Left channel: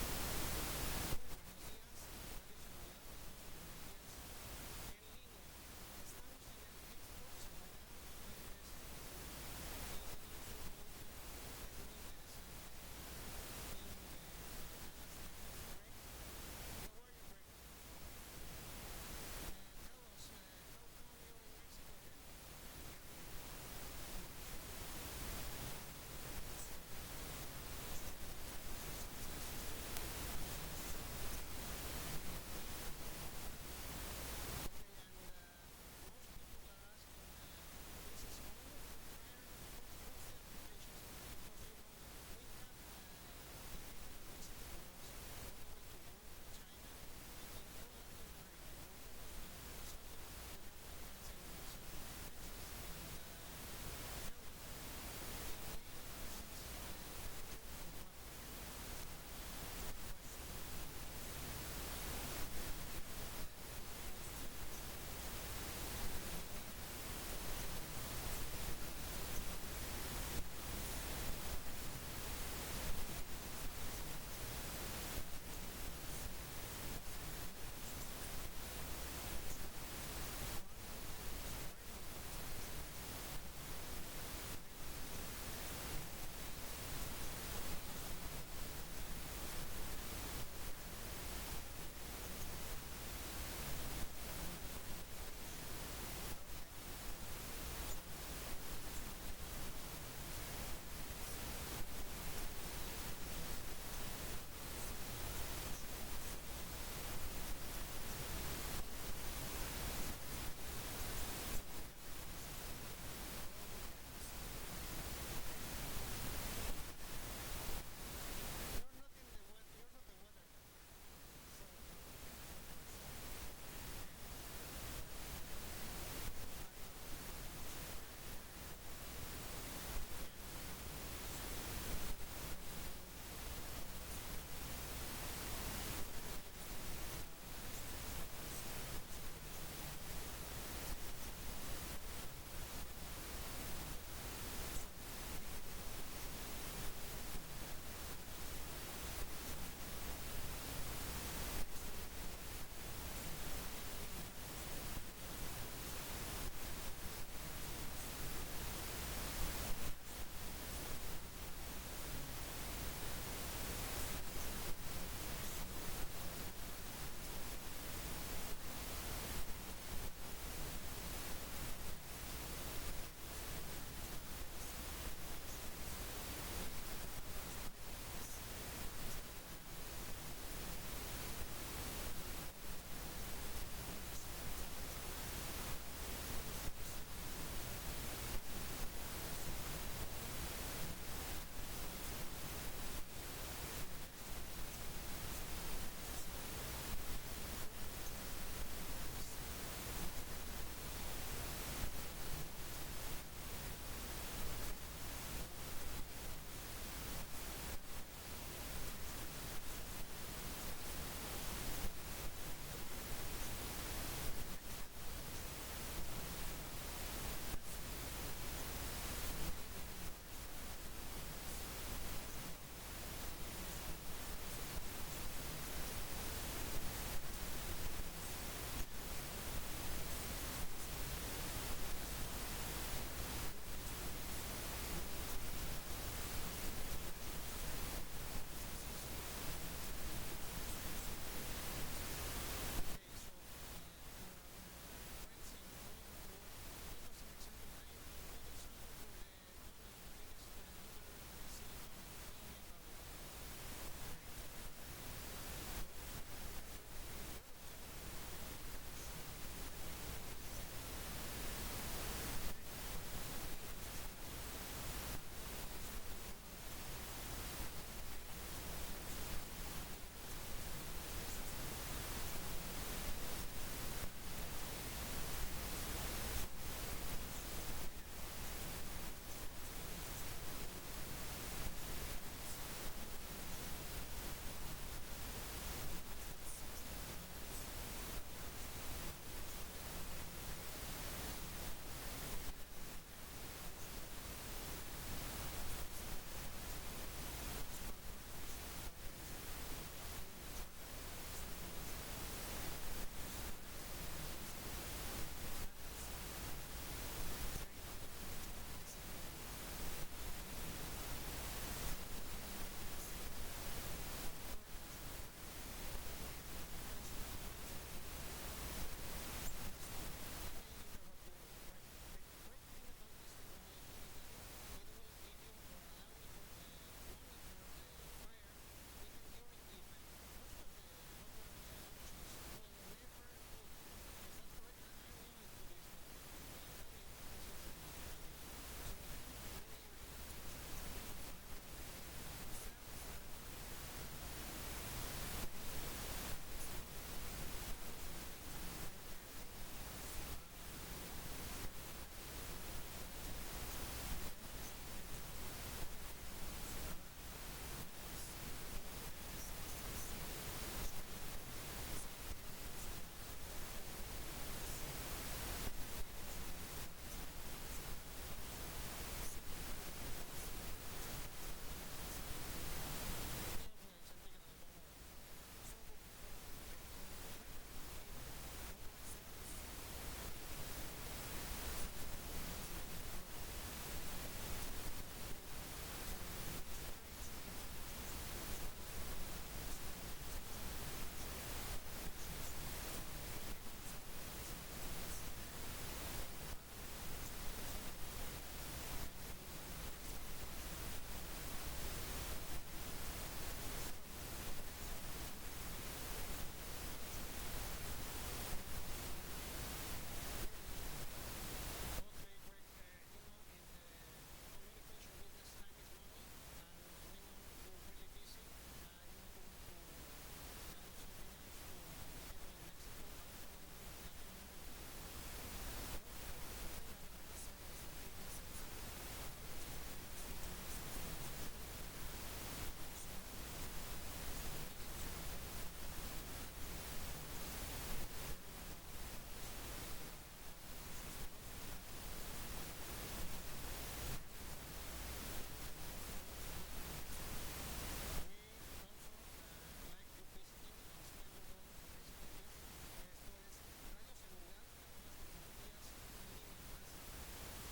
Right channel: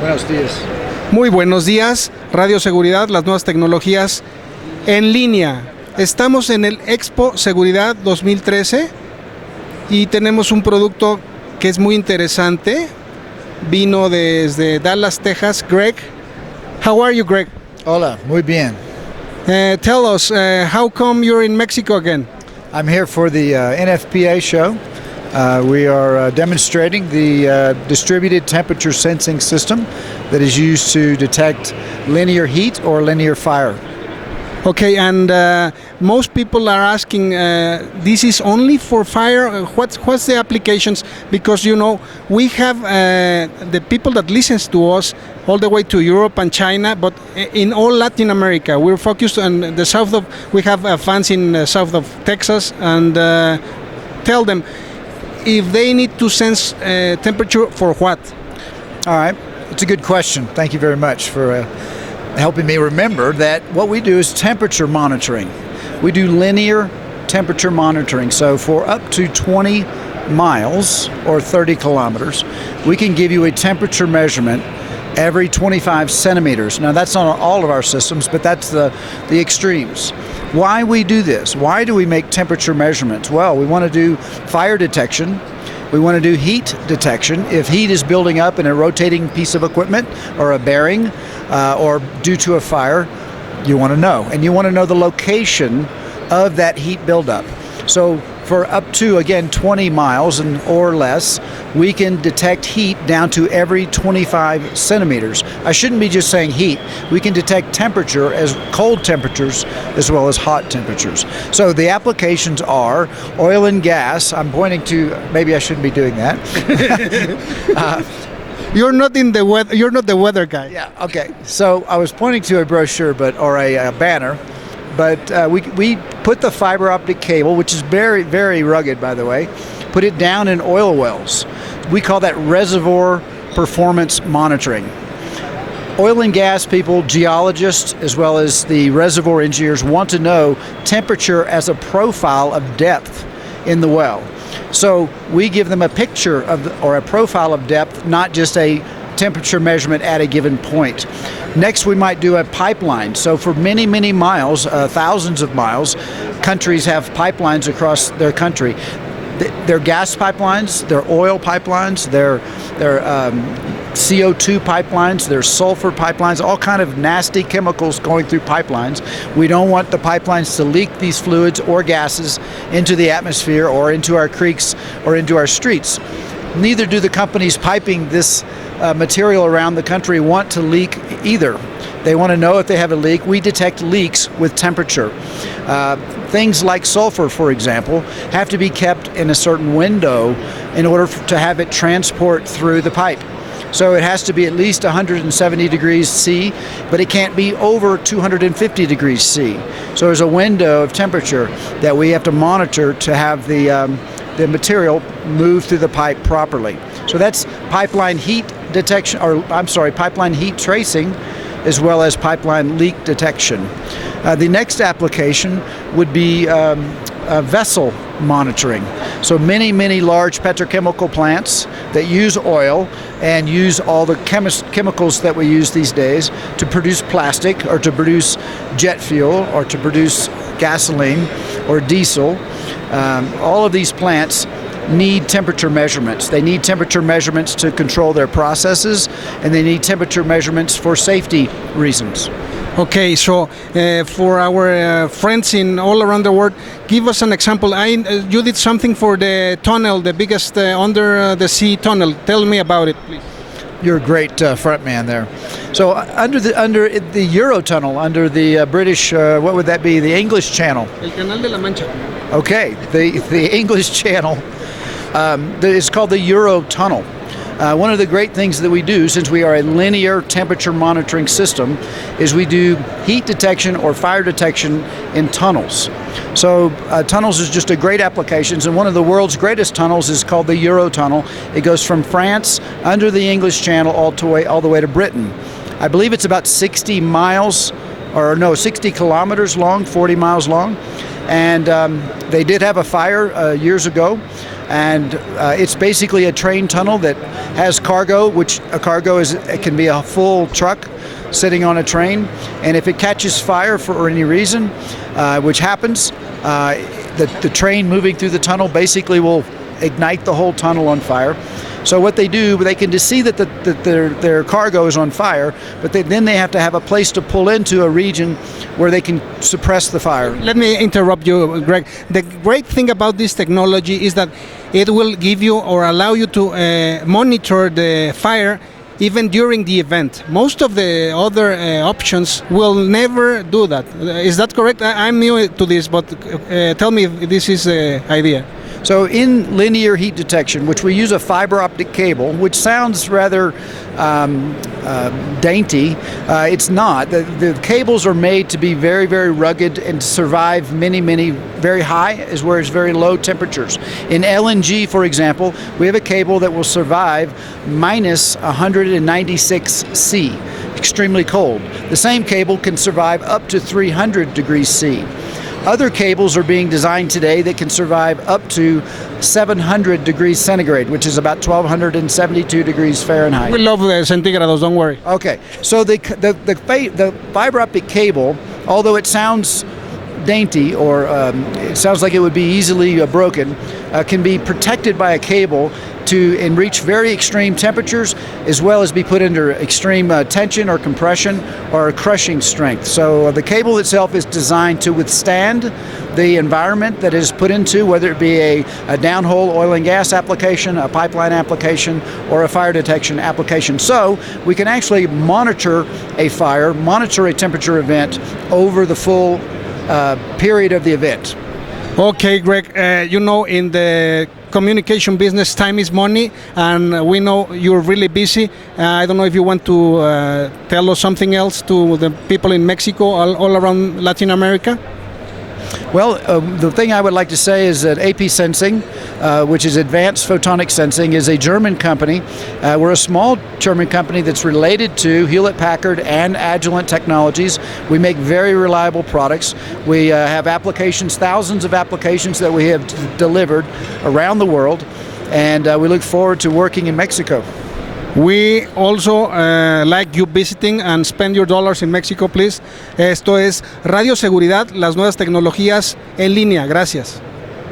Buenos días. Muy buenos días, Radio Seguridad, las nuevas tecnologías en línea. Estamos en el Expo Seguridad 2013 y tenemos un producto que es muy interesante. Vino desde Dallas, Texas. Greg, how are you, Greg? Hola, muy bien. Tell us, how come you're in Mexico again? I'm here for the NFPA show. We are demonstrating the distributed temperature sensing system that is used to detect linear heat or linear fire. Okay, and most people are asking, this is only for fire? What's the applications? Because, you know, we have the people that listens to us all the way to Europe and China, but in all Latin America. We're focused on the south of, we have fans in the south of Texas, and tell them if they need to sense temperature for what? All right, it's a good question. Thank you very much for helping me remember that what we do is temperature monitoring. We do linear temperature monitoring. So for up to 20 miles or 30 kilometers, we can give you a temperature measurement every 25 centimeters. Now that's not all of our systems, but that's the extremes. Why we do this? Why do we make temperature measurements? Well, we want to do fire detection. We want to do heat detection. If heat is building up in a rotating piece of equipment or a bearing or due to a fire, you want to know. And you want to know the location of that heat buildup. So for up to, again, 20 miles or less, we can detect heat down to every 25 centimeters. I shouldn't be just saying heat. We can detect temperature as cold temperatures as well as hot temperatures. So the applications are oil and gas. I'm pointing to, maybe I shouldn't be doing that. You're not in the weather. You're not the weather guy. Yeah. Okay. So I was pointing to a brochure, or a banner. But we put the fiber optic cable, which is very, very rugged, by the way, put it down in oil wells. We call that reservoir performance monitoring. Oil and gas people, geologists, as well as the reservoir engineers want to know temperature as a profile of depth in the well. So we give them a picture of or a profile of depth, not just a temperature measurement at a given point. Next, we might do a pipeline. So for many, many miles, thousands of miles, countries have pipelines across their country. They're gas pipelines, they're oil pipelines, they're CO2 pipelines, they're sulfur pipelines, all kind of nasty chemicals going through pipelines. We don't want the pipelines to leak these fluids or gases into the atmosphere or into our creeks or into our streets. Neither do the companies piping this material around the country want to leak either. They want to know if they have a leak. We detect leaks with temperature. Things like sulfur, for example, have to be kept in a certain window in order to have it transport through the pipe. So it has to be at least 170 degrees C, but it can't be over 250 degrees C. So there's a window of temperature that we have to monitor to have the material move through the pipe properly. So that's pipeline heat detection, pipeline heat tracing, as well as pipeline leak detection. The next application would be vessel monitoring. So many, many large petrochemical plants that use oil and use all the chemicals that we use these days to produce plastic or to produce jet fuel or to produce gasoline or diesel. All of these plants need temperature measurements. They need temperature measurements to control their processes, and they need temperature measurements for safety reasons. Okay, so for our friends in all around the world, give us an example. You did something for the tunnel, the biggest under the sea tunnel. Tell me about it, please. You're a great front man there. So under the Eurotunnel, under the British, what would that be? The English Channel. El Canal de la Mancha. Okay, the English Channel. It's called the Eurotunnel. One of the great things that we do, since we are a linear temperature monitoring system, is we do heat detection or fire detection in tunnels. So tunnels is just a great application, and one of the world's greatest tunnels is called the Eurotunnel. It goes from France under the English Channel all the way to Britain. I believe it's about 60 miles, or no, 60 kilometers long, 40 miles long. And they did have a fire years ago. and it's basically a train tunnel that has cargo, which a cargo it can be a full truck sitting on a train, and if it catches fire for any reason, which happens, the train moving through the tunnel basically will ignite the whole tunnel on fire. So what they do, they can just see that their cargo is on fire, but then they have to have a place to pull into a region where they can suppress the fire. Let me interrupt you, Greg. The great thing about this technology is that it will give you or allow you to monitor the fire even during the event. Most of the other options will never do that. Is that correct? I'm new to this, but tell me if this is the idea. So in linear heat detection, which we use a fiber optic cable, which sounds rather dainty, it's not. The cables are made to be very, very rugged and survive many, many very high as well as very low temperatures. In LNG, for example, we have a cable that will survive minus 196 C, extremely cold. The same cable can survive up to 300 degrees C. Other cables are being designed today that can survive up to 700 degrees centigrade, which is about 1,272 degrees Fahrenheit. We love the centigrados, don't worry. Okay, so the fiber optic cable, although it sounds dainty or it sounds like it would be easily broken, can be protected by a cable and reach very extreme temperatures, as well as be put under extreme tension or compression or crushing strength. So the cable itself is designed to withstand the environment that it is put into, whether it be a downhole oil and gas application, a pipeline application, or a fire detection application. So we can actually monitor a fire, monitor a temperature event over the full period of the event. Okay, Greg, you know, in the communication business, time is money, and we know you're really busy. I don't know if you want to tell us something else to the people in Mexico, all around Latin America? Well, the thing I would like to say is that AP Sensing, which is Advanced Photonic Sensing, is a German company. We're a small German company that's related to Hewlett-Packard and Agilent Technologies. We make very reliable products. We have applications, thousands of applications that we have delivered around the world, and we look forward to working in Mexico. We also like you visiting and spend your dollars in Mexico, please. Esto es Radio Seguridad, las nuevas tecnologías en línea. Gracias.